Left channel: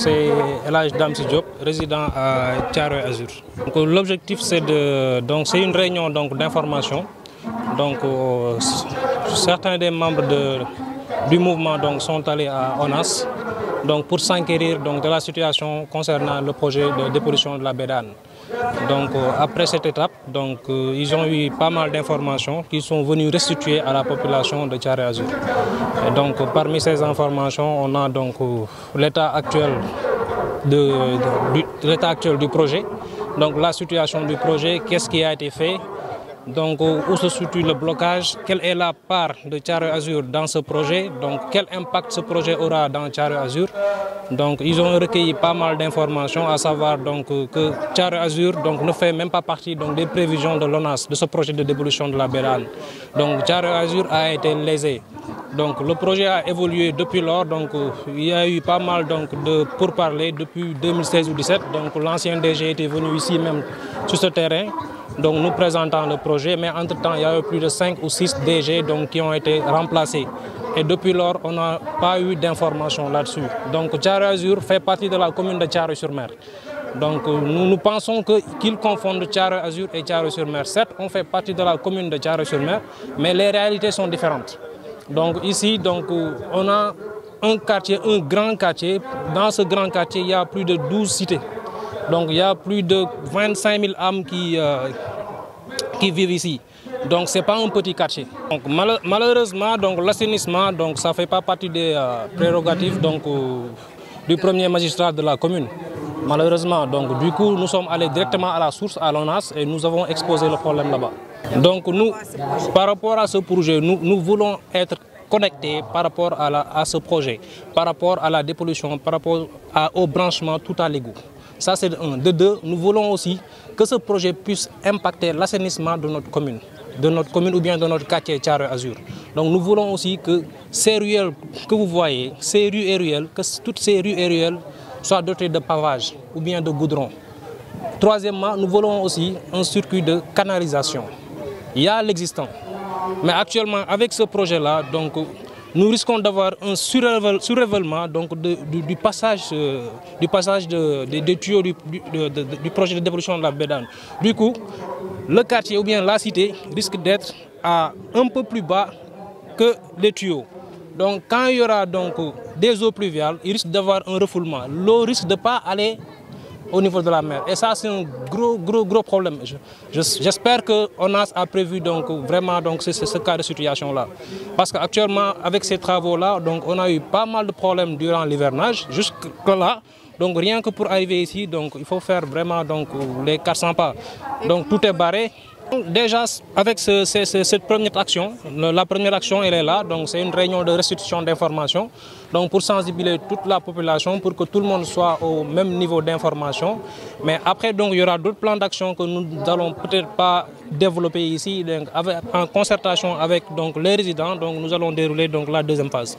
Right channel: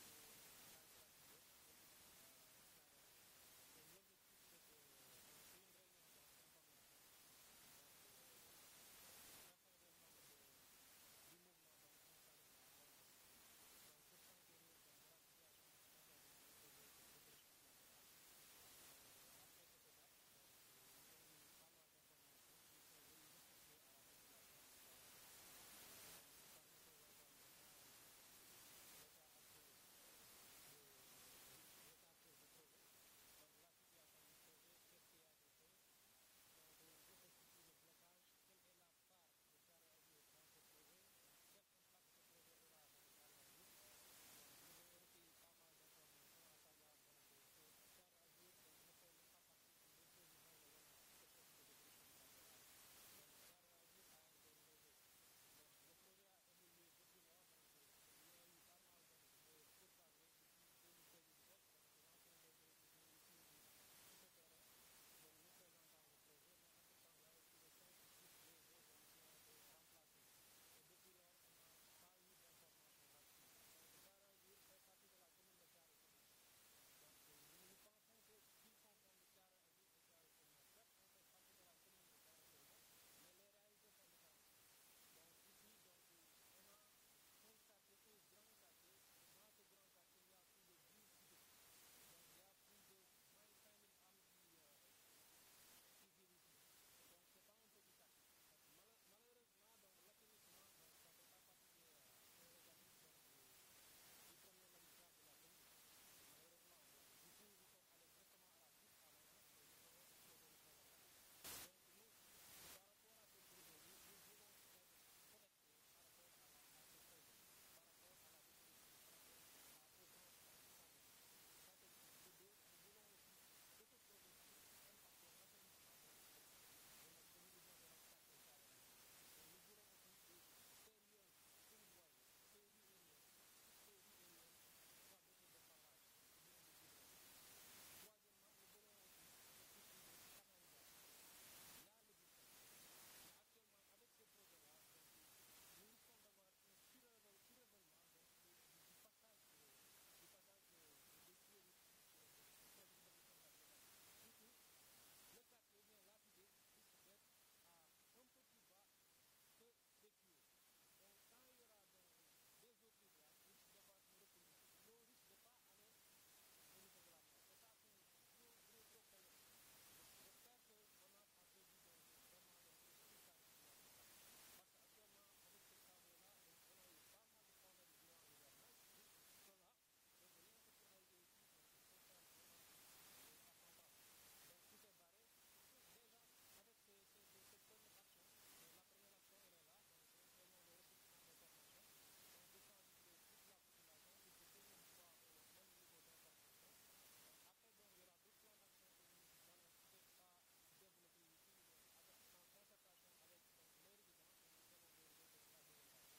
c'est El Hadj Damsi Diop, résident à Thiaroye Azur. L'objectif c'est une réunion d'information. Certains des membres du mouvement sont allés à ONAS pour s'enquérir de la situation concernant le projet de dépollution de la baie d'Anne. Après cette étape, ils ont eu pas mal d'informations qu'ils sont venus restituer à la population de Thiaroye Azur. Parmi ces informations, on a l'état actuel du projet, la situation du projet, qu'est-ce qui a été fait, où se situe le blocage, quelle est la part de Thiaroye Azur dans ce projet, quel impact ce projet aura dans Thiaroye Azur. Ils ont recueilli pas mal d'informations, à savoir que Thiaroye Azur ne fait même pas partie des prévisions de l'ONAS, de ce projet de dépollution de la baie d'Anne. Thiaroye Azur a été lésé. Le projet a évolué depuis lors, il y a eu pas mal de pourparlers depuis 2016 ou 2017. L'ancien DG était venu ici même sur ce terrain, nous présentant le projet, mais entre-temps il y a eu plus de 5 ou 6 DG qui ont été remplacés. Et depuis lors, on n'a pas eu d'informations là-dessus. Thiaroye Azur fait partie de la commune de Thiaroye-sur-Mer. Nous pensons qu'ils confondent Thiaroye Azur et Thiaroye-sur-Mer. Certes, on fait partie de la commune de Thiaroye-sur-Mer, mais les réalités sont différentes. Ici, on a un quartier, un grand quartier. Dans ce grand quartier, il y a plus de 12 cités. Il y a plus de 25 000 âmes qui vivent ici. Ce n'est pas un petit quartier. Malheureusement, l'assainissement, ça ne fait pas partie des prérogatives du premier magistrat de la commune. Malheureusement, du coup, nous sommes allés directement à la source, à l'ONAS, et nous avons exposé le problème là-bas. Nous, par rapport à ce projet, nous voulons être connectés par rapport à ce projet, par rapport à la dépollution, par rapport au branchement tout à l'égout. Ça, c'est de un. De deux, nous voulons aussi que ce projet puisse impacter l'assainissement de notre commune ou bien de notre quartier Thiaroye Azur. Nous voulons aussi que ces ruelles que vous voyez, ces rues et ruelles, que toutes ces rues et ruelles soient dotées de pavage ou bien de goudron. Troisièmement, nous voulons aussi un circuit de canalisation. Il y a l'existant. Mais actuellement, avec ce projet-là, nous risquons d'avoir un surrévellement du passage des tuyaux du projet de dépollution de la baie d'Anne. Du coup, le quartier ou bien la cité risque d'être un peu plus bas que les tuyaux. Quand il y aura des eaux pluviales, il risque d'avoir un refoulement. L'eau risque de ne pas aller au niveau de la mer. Et ça, c'est un gros problème. J'espère que ONAS a prévu vraiment ce cas de situation-là. Parce qu'actuellement, avec ces travaux-là, on a eu pas mal de problèmes durant l'hivernage, jusque-là. Rien que pour arriver ici, il faut faire vraiment les 400 pas. Tout est barré. Déjà, avec cette première action, la première action, elle est là. C'est une réunion de restitution d'informations. Pour sensibiliser toute la population, pour que tout le monde soit au même niveau d'information. Mais après, il y aura d'autres plans d'action que nous n'allons peut-être pas développer ici. En concertation avec les résidents, nous allons dérouler la deuxième phase.